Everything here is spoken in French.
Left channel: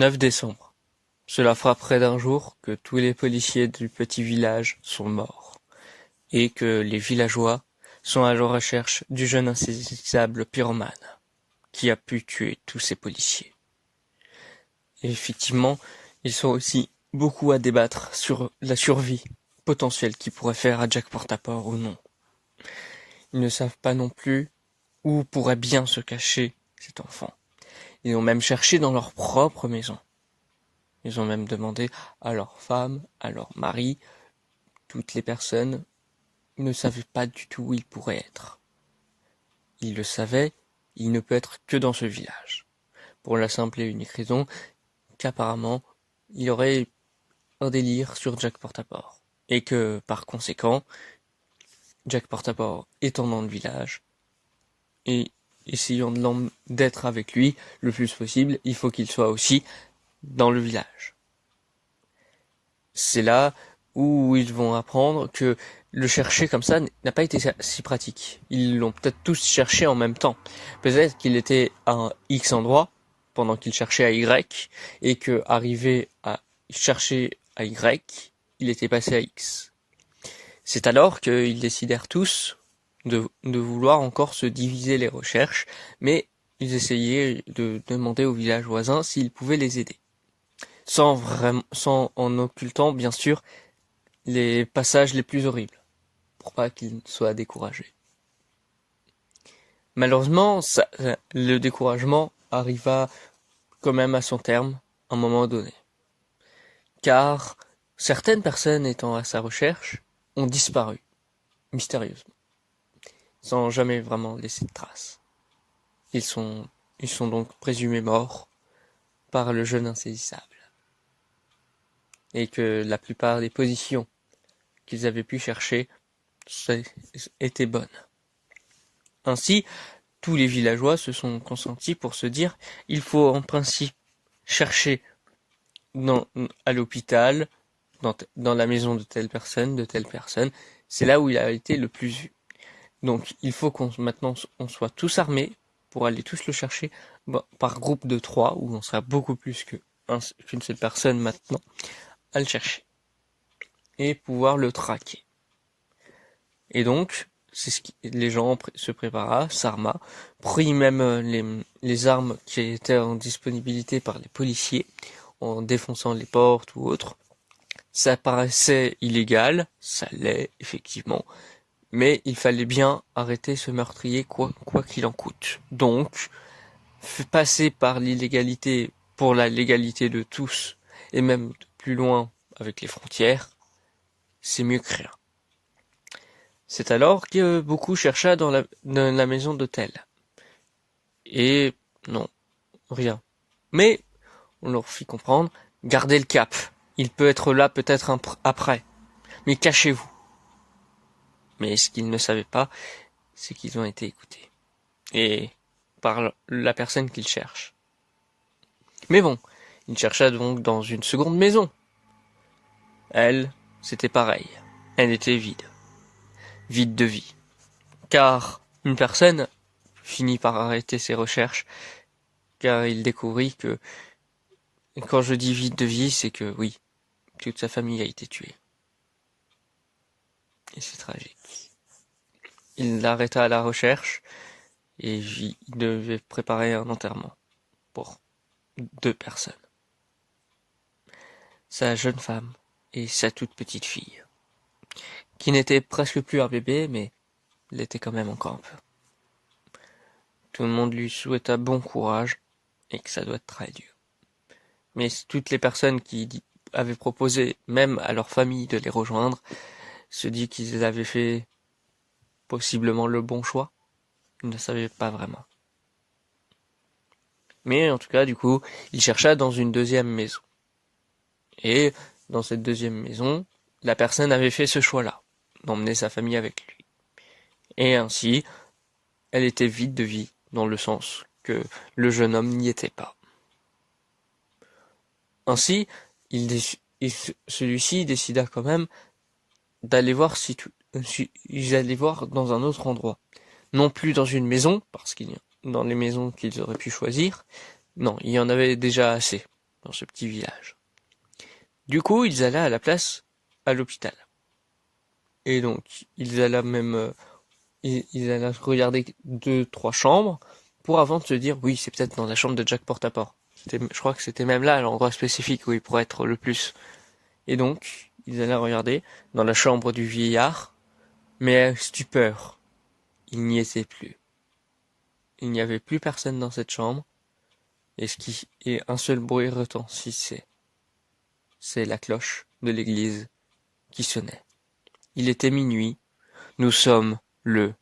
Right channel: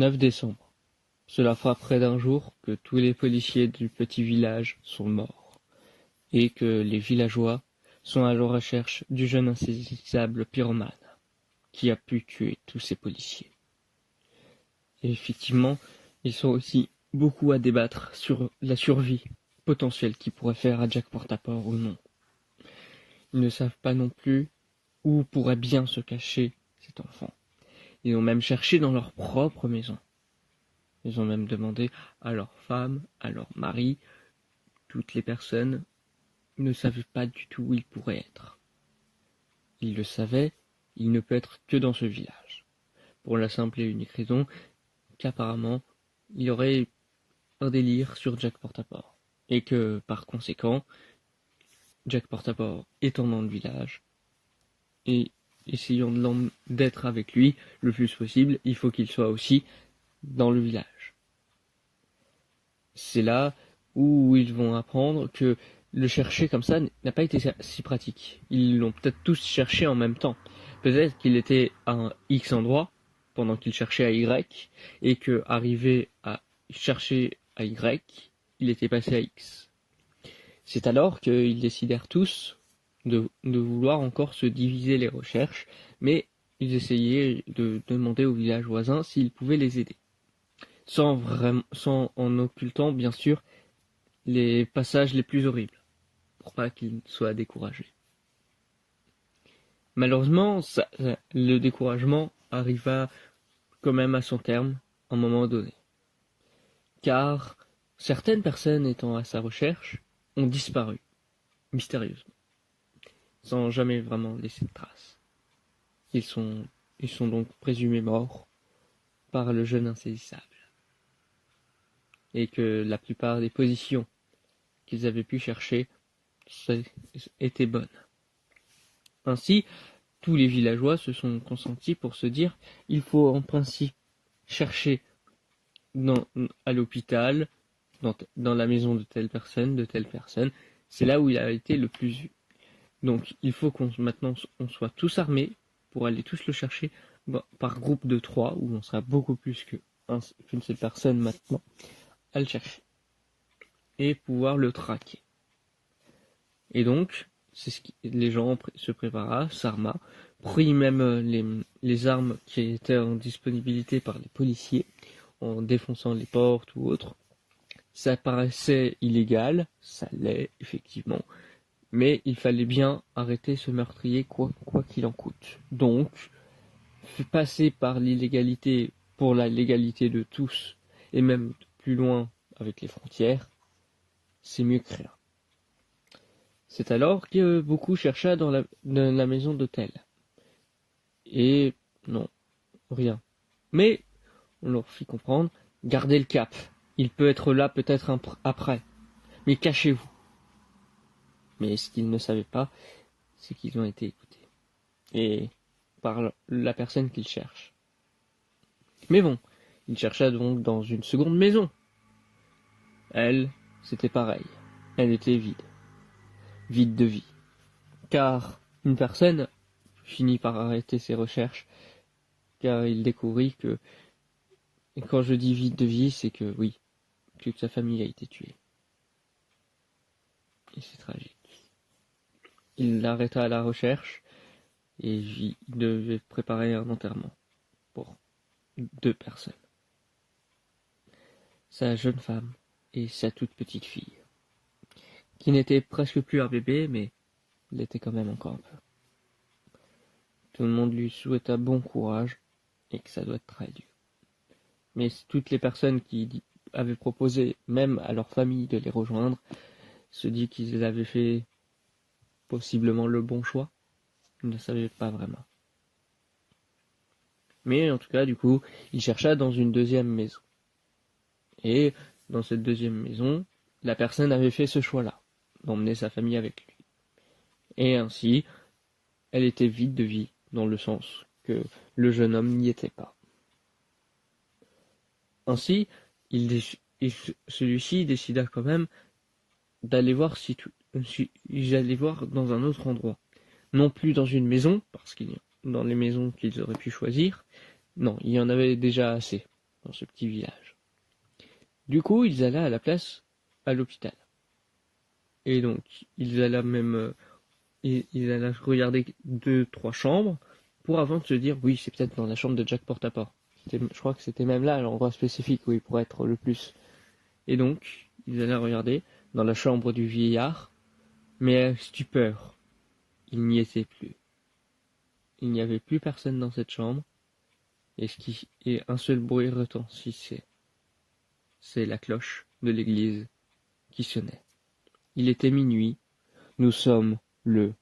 9 décembre. Cela fera près d'un jour que tous les policiers du petit village sont morts et que les villageois sont à la recherche du jeune insaisissable pyromane qui a pu tuer tous ces policiers. Et effectivement, ils sont aussi beaucoup à débattre sur la survie potentielle qu'ils pourraient faire à Jack Portaport ou non. Ils ne savent pas non plus où pourrait bien se cacher cet enfant. Ils ont même cherché dans leur propre maison. Ils ont même demandé à leur femme, à leur mari, toutes les personnes ne savaient pas du tout où il pourrait être. Ils le savaient, il ne peut être que dans ce village. Pour la simple et unique raison qu'apparemment, il y aurait un délire sur Jack Portaport. Et que, par conséquent, Jack Portaport étant dans le village, et essayant d'être avec lui le plus possible, il faut qu'il soit aussi dans le village. C'est là où ils vont apprendre que le chercher comme ça n'a pas été si pratique. Ils l'ont peut-être tous cherché en même temps. Peut-être qu'il était à un X endroit pendant qu'il cherchait à Y et que arrivé à chercher à Y, il était passé à X. C'est alors qu'ils décidèrent tous de vouloir encore se diviser les recherches, mais ils essayaient de demander aux villages voisins s'ils pouvaient les aider. Sans en occultant, bien sûr, les passages les plus horribles, pour pas qu'ils soient découragés. Malheureusement, le découragement arriva quand même à son terme, à un moment donné. Car certaines personnes étant à sa recherche ont disparu, mystérieusement, sans jamais vraiment laisser de traces. Ils sont donc présumés morts par le jeune insaisissable. Et que la plupart des positions qu'ils avaient pu chercher étaient bonnes. Ainsi, tous les villageois se sont consentis pour se dire il faut en principe chercher à l'hôpital, dans la maison de telle personne, c'est là où il a été le plus vu. Donc il faut maintenant on soit tous armés pour aller tous le chercher par groupe de 3, où on sera beaucoup plus qu'une seule personne maintenant à le chercher et pouvoir le traquer. Et donc, c'est ce les gens se prépara, s'arma, prit même les armes qui étaient en disponibilité par les policiers, en défonçant les portes ou autres. Ça paraissait illégal, ça l'est effectivement, mais il fallait bien arrêter ce meurtrier quoi qu'il en coûte. Donc, passer par l'illégalité pour la légalité de tous, et même plus loin avec les frontières, c'est mieux que rien. C'est alors que beaucoup chercha dans la maison d'hôtel. Et non, rien. Mais on leur fit comprendre, gardez le cap. Il peut être là peut-être après. Mais cachez-vous. Mais ce qu'ils ne savaient pas, c'est qu'ils ont été écoutés. Et par la personne qu'ils cherchent. Mais bon, il chercha donc dans une seconde maison. Elle, c'était pareil. Elle était vide. Vide de vie. Car une personne finit par arrêter ses recherches, car il découvrit que, quand je dis vide de vie, c'est que oui, toute sa famille a été tuée. Et c'est tragique. Il l'arrêta à la recherche, et il devait préparer un enterrement pour 2 personnes. Sa jeune femme et sa toute petite fille, qui n'était presque plus un bébé, mais l'était quand même encore un peu. Tout le monde lui souhaita bon courage, et que ça doit être très dur. Mais toutes les personnes qui avaient proposé, même à leur famille, de les rejoindre, se dit qu'ils avaient fait possiblement le bon choix. Ils ne savaient pas vraiment. Mais en tout cas, du coup, il chercha dans une deuxième maison. Et dans cette deuxième maison, la personne avait fait ce choix-là, d'emmener sa famille avec lui. Et ainsi, elle était vide de vie, dans le sens que le jeune homme n'y était pas. Ainsi, celui-ci décida quand même d'aller voir ils allaient voir dans un autre endroit. Non plus dans une maison, parce qu'il y a dans les maisons qu'ils auraient pu choisir, non, il y en avait déjà assez. dans ce petit village. Du coup, ils allaient à la place à l'hôpital. Et donc, ils allaient même ils allaient regarder 2-3 chambres pour avant de se dire oui, c'est peut-être dans la chambre de Jack Portaport. Je crois que c'était même là l'endroit spécifique où il pourrait être le plus. Et donc, ils allaient regarder dans la chambre du vieillard, mais stupeur, il n'y était plus. Il n'y avait plus personne dans cette chambre, et un seul bruit retentissait. C'est la cloche de l'église qui sonnait. Il était minuit, nous sommes le